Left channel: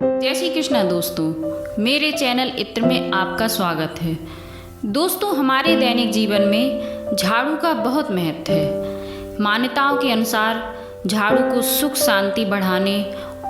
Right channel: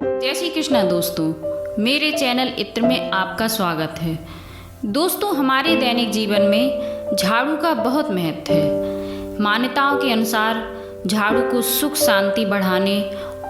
जय श्री कृष्णा दोस्तों, मेरे चैनल इत्र में आपका स्वागत है। दोस्तों, हमारे दैनिक जीवन में झाड़ू का बहुत महत्व है। मान्यताओं के अनुसार झाड़ू को सुख शांति बढ़ाने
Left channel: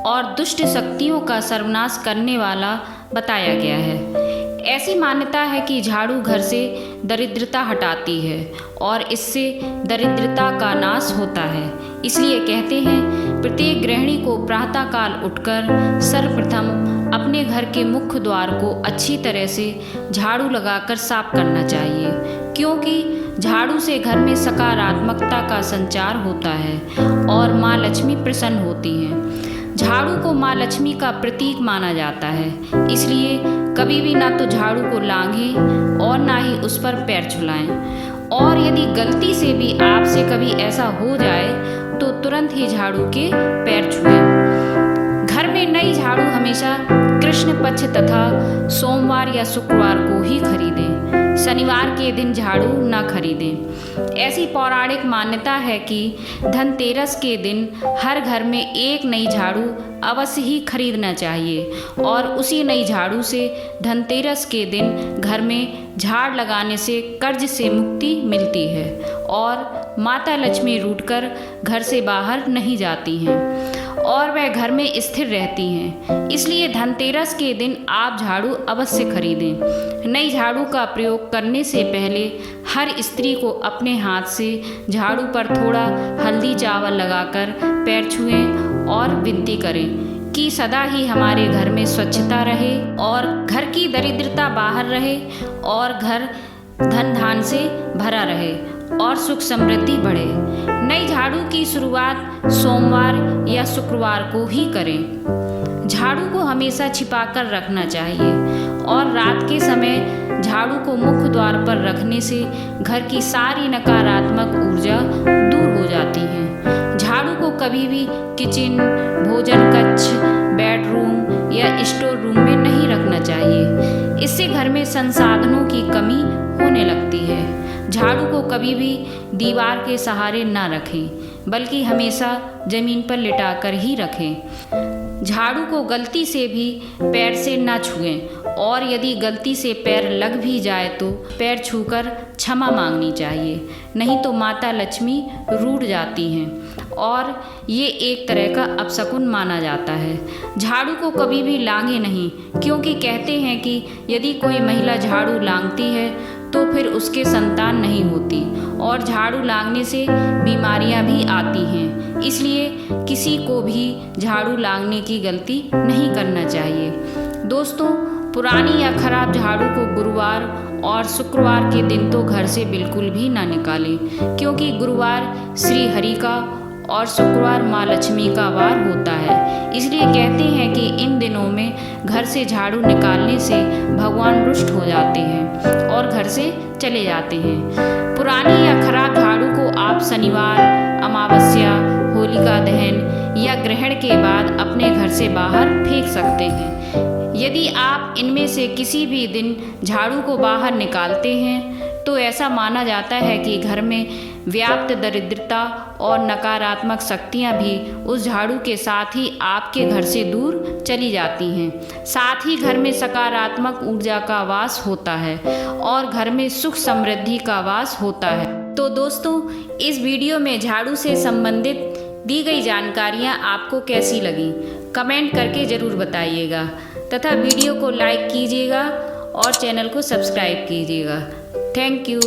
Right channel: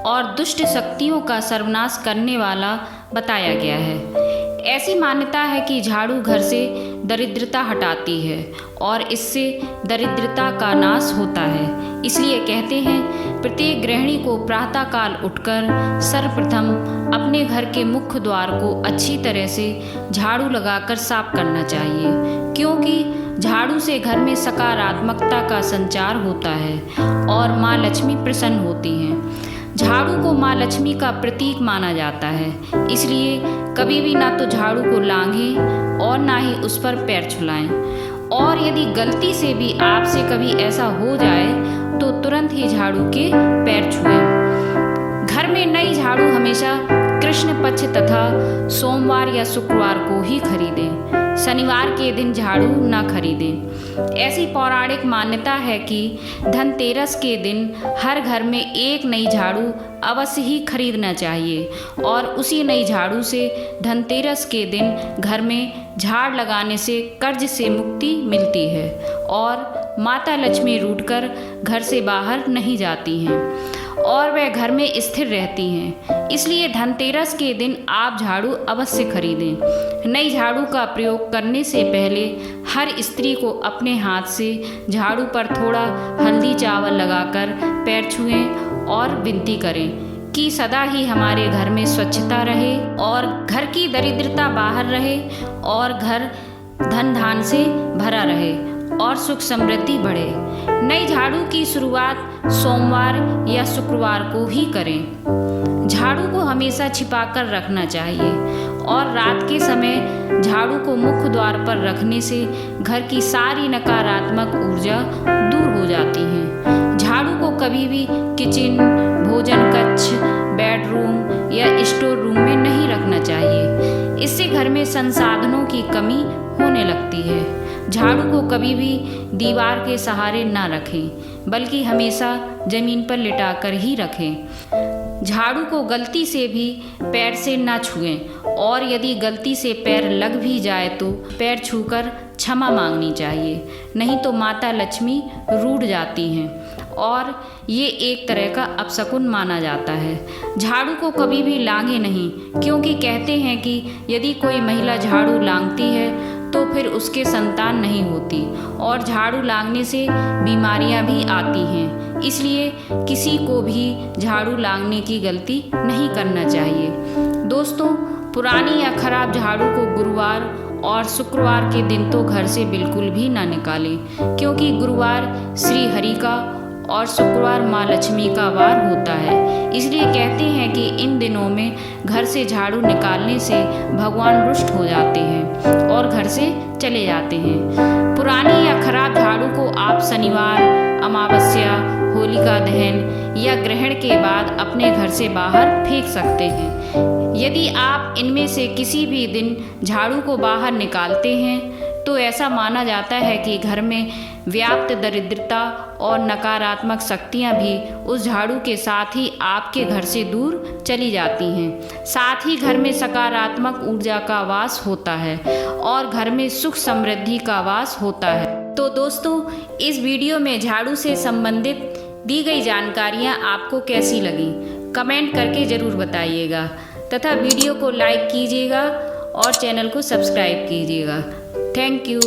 और दुष्ट शक्तियों का सर्वनाश करने वाला बताया गया है। ऐसी मान्यता है कि झाड़ू घर से दरिद्रता हटाती है और इससे दरिद्रता का नाश होता है। इसलिए कहते हैं प्रत्येक गृहिणी को प्रातःकाल उठकर सर्वप्रथम अपने घर के मुख्य द्वार को अच्छी तरह से झाड़ू लगाकर साफ करना चाहिए, क्योंकि झाड़ू से घर में सकारात्मकता का संचार होता है और माँ लक्ष्मी प्रसन्न होती हैं। झाड़ू को माँ लक्ष्मी का प्रतीक माना जाता है, इसलिए कभी भी ना तो झाड़ू को लांघें और ना ही उस पर पैर छुलाएं। और यदि गलती से भी आपसे कभी ऐसा हो जाए तो तुरंत ही झाड़ू के पैर छुएं। घर में नई झाड़ू हमेशा कृष्ण पक्ष तथा सोमवार या शुक्रवार को ही खरीदें, शनिवार के दिन झाड़ू ना खरीदें। ऐसी पौराणिक मान्यता है कि धनतेरस के दिन हर घर में एक नई झाड़ू अवश्य ही खरीदना चाहिए और उसी नई झाड़ू से धनतेरस के दिन घर में झाड़ लगाने से कर्ज से मुक्ति मिलती है और माता लक्ष्मी रूठकर घर से बाहर नहीं जाती हैं और वह घर में स्थिर रहती हैं। इसलिए धनतेरस के दिन आप झाड़ू अवश्य खरीदें। नई झाड़ू का प्रयोग करने से पहले हर स्त्री को अपने हाथ से झाड़ू पर थोड़ा हल्दी चावल लगाकर पैर छुएं और विनती करें कि सदा ही हमारे घर में स्वच्छता रहे और घर की दरिद्रता बाहर रहे और घर धन धान से भरा रहे और सुख समृद्धि बढ़े। नई झाड़ू की शुरुआत सोमवार या शुक्रवार को ही करें। झाड़ू को हमेशा छिपाकर रखना चाहिए और रात के समय झाड़ू को मुख्य द्वार पर रखने से घर की सारी नकारात्मक ऊर्जा दूर हो जाती है। झाड़ू को कभी भी किचन, भोजन कक्ष, बेडरूम या स्टोर रूम में नहीं रखना चाहिए। इससे घर में संसाधनों की कमी होने लगती है। झाड़ू को कभी भी दीवार के सहारे ना रखें, बल्कि हमेशा जमीन पर लिटाकर ही रखें। झाड़ू को गलती से भी पैर से ना छुएं और यदि गलती से पैर लग भी जाए तो पैर छूकर क्षमा मांगनी चाहिए, नहीं तो माता लक्ष्मी रूठ जाती हैं और ये एक तरह का अपशकुन माना जाता है। झाड़ू को कभी भी लांघे नहीं, क्योंकि कहते हैं कि यदि कोई महिला झाड़ू लांघती है तो फिर उसके संतान नहीं होती और झाड़ू लांघने से बीमारियां भी आती हैं। इसलिए किसी को भी झाड़ू लांघने की गलती नहीं करना चाहिए। दोस्तों, पुरानी या खराब झाड़ू को गुरुवार और शुक्रवार के दिन तो घर से बिल्कुल भी ना निकालें, क्योंकि गुरुवार श्री हरि का और शुक्रवार माँ लक्ष्मी का वार होता है। इसलिए कहते हैं कि इन दिनों में घर से झाड़ू निकालने से भगवान रुष्ट हो जाते हैं और घर से चले जाते हैं। पुरानी या खराब झाड़ू को आप शनिवार, अमावस्या, होलिका दहन या ग्रहण के बाद अपने घर से बाहर फेंक सकते हैं। यदि आप इनमें से किसी भी दिन झाड़ू को बाहर निकालते हैं तो ऐसा माना जाता है कि घर में व्याप्त दरिद्रता और नकारात्मक शक्तियां भी उस झाड़ू के साथ ही आपके घर से दूर चली जाती हैं। साथ ही घर में सकारात्मक ऊर्जा का वास होता है और घर में सुख समृद्धि का वास होता है। तो दोस्तों, इस वीडियो में झाड़ू से संबंधित दी गई जानकारियां आपको कैसी लगी, कमेंट करके ज़रूर बताइएगा तथा वीडियो को लाइक कीजिएगा और चैनल को सब्सक्राइब कीजिएगा। Thank you.